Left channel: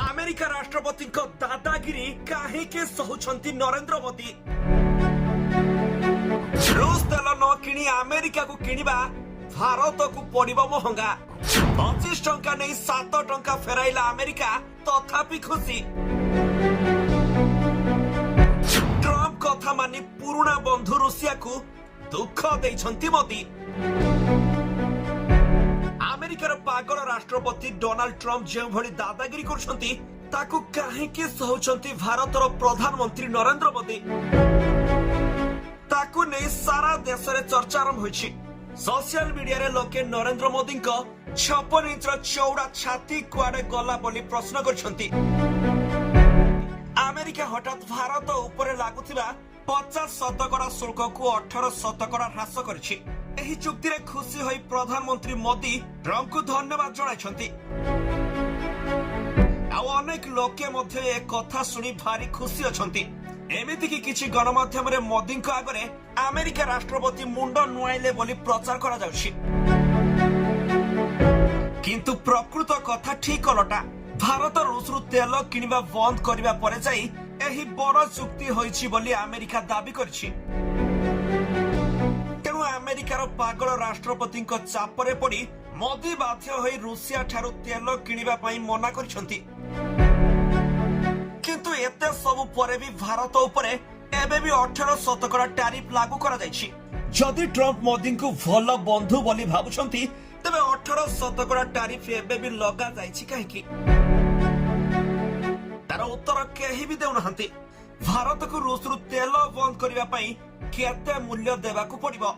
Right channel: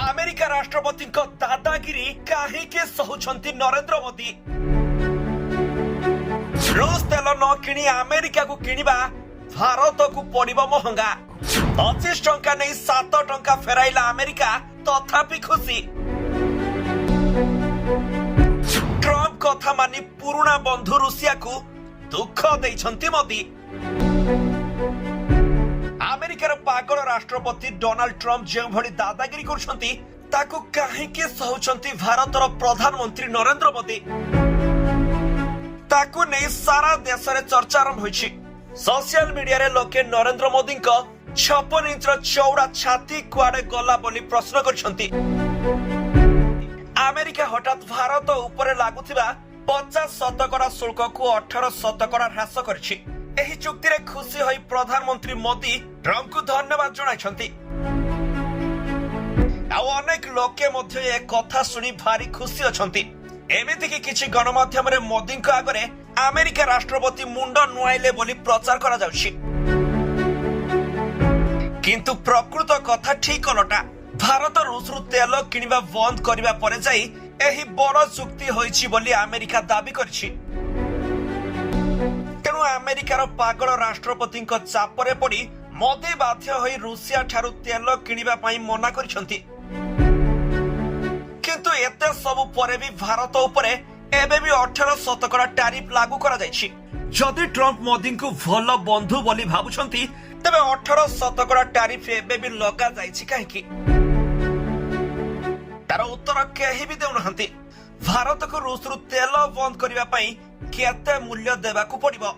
America राष्ट्रपति दादागिरी कहीं सहउछंती नरेंद्र मोदी। रूस तेल न किणी अमेरिका को किणवा भारत को पड़िबो महंगा। 25 टंका नहीं 7 टंका फेराइला अमेरिका तथापि खुशी। ट्रम्प कथा मानी पुराना बंधु रूसिया को दुख देइछंती मोदी। अमेरिकार पागल राष्ट्रपति डोनाल्ड ट्रम्प जो भली दादागिरी करछंती ताकू काहेकि सहउछंती भारतर प्रधानमंत्री नरेंद्र मोदी। ताकू नहीं सारा देश रे चर्चा आरंभ होइछि। सोशल मीडिया रे लोके नरेंद्र मोदी को 56 इंच चौड़ा छाती कुआडे गला बोली प्रश्न करछंती। अमेरिका हठात भारत उपरे लागुथिबा 50 शतकड़ा शुल्क को 18 शतकड़ा ह्रास करछि। एही चुक्ति रे खुशी होई प्रधानमंत्री मोदी ट्रम्प को धन्यवाद जणाइछंती। आ अनेक लोके मध्य ए कथा सुनी भारी खुशी अछंती। एमिति कि किछि गणमाध्यम रे मोदी को आगरे अमेरिका राष्ट्रपति मुंड नुआइले बोली प्रचार करा जाउछि। किंतु प्रकृत कथा ठीक अलटा। भारत रूस रु तेल किनिबा बंद करिबा परे जाई एही बड़ चुक्ति होइछि बोली अमेरिका दाबी करछि। तेणु अमेरिकार पागल राष्ट्रपति चापरे पड़ी मोदी बाध्य होई रूसिया ठारू तेल किनिबा पई मना करछंती। किंतु एते सब परे भी भारत उपरे एबे भी 18 शतकड़ा टैरिफ लागू करा जायछि। जदि ट्रम्प मोदी को भल बंधु बोली भाबुछंती तबे 18 शतकड़ा टैरिफ एबे भी लगा जायछि काहेकि? तार उत्तर केही भी देउनहंती। भारत को रूस रु तेल बंद करिबा पई केते मूल्य देबाकू पड़िबो?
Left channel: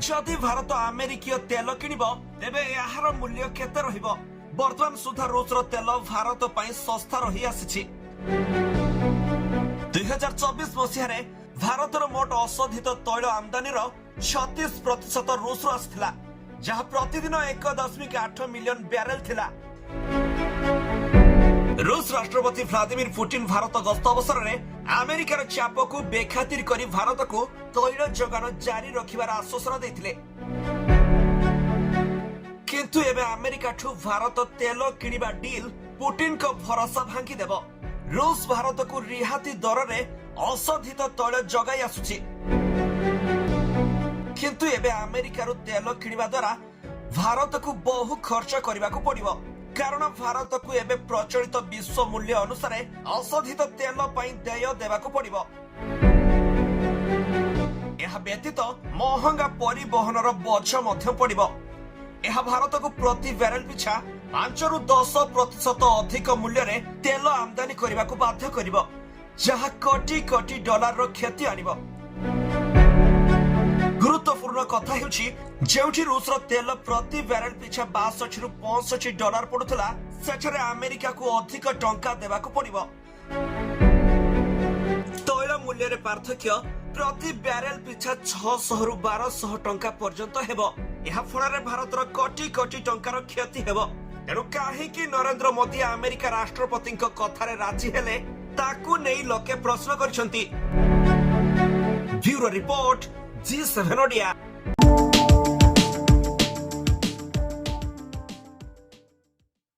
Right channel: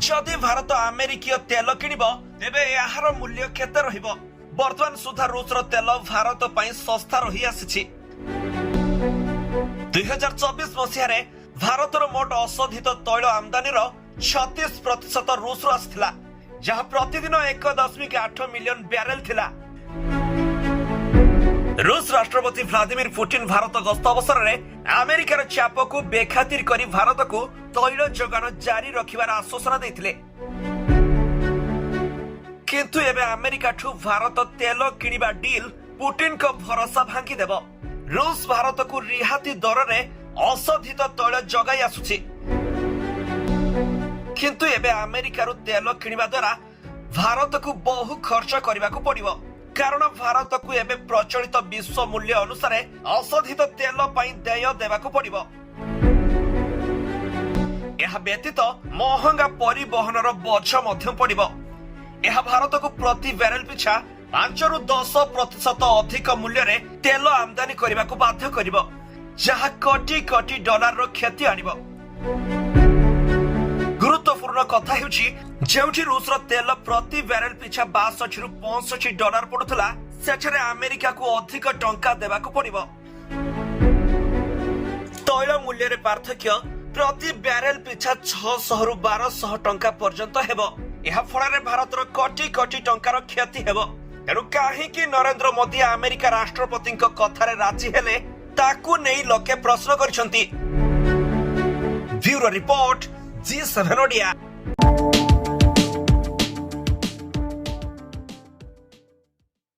जदि भारत अमेरिकीय तेल किनिबो तेबे यार मूल्य केते रहिबो? वर्तमान सुधा रूस रो तेल भारत पई सस्ता रही आसीछि। 2024 मसिया रे भारतर मोट अशोधित तैल आमदानी रो 36% रूस रो आस्थिला, जहा प्रतिदिन 1.8 मिलियन बैरेल थिला। रूस राष्ट्रपति व्लादिमीर पुतिन भारत गस्त अवसर में अमेरिकार चाप को बेखातिर करी भारत को तैल जोगान जारी रखिबार आश्वासन देथिले। किंतु एबे अमेरिका ठू भारत तेल किनिबा डील पुतिन को भरोसा भांगी देबो। रूस भारत को रिहाती दर रे अशोधित तैल जगाई आसुछि। किंतु एबे अमेरिका रु तेल किनिबा द्वारा भारत को बहु खर्च करबा को पड़िबो, कारण भारत को एबे प्रचलित विश्व मूल्य अनुसार अशोधित तेल पई देय देबाकू पड़िबो। यह व्यतीत महंगा परिवहनर बोझ मध्य पड़िबो। यह भारत को प्रति बैरेल पिछा 5 रु 10% अधिक मूल्य रे तेल आमदानी करबा को बाध्य करिबो, जहा कोटी कोटी डॉलर रो क्षति आनिबो। गुरुत्वपूर्ण कथा हेउछि जेउठी रूस रो तेल प्रति बैरेल पिछा 62 रु 65 डॉलर पडुथला, सेठरे अमेरिका को अधिक टंका देबाकू पड़िबो। तैल मूल्य रे पार्थक्य प्रति बैरेल पिछा 600 रु 1200 टंका पर्यंत हेबो। यह फल भारत कोटी कोटी टंकार क्षति हेबो। तेणु काहेकि नरेंद्र मोदी अमेरिका राष्ट्रपति कथारे राजी हेले ताकू नहीं लोके प्रश्न करछंती। Bureau report G7 Odia.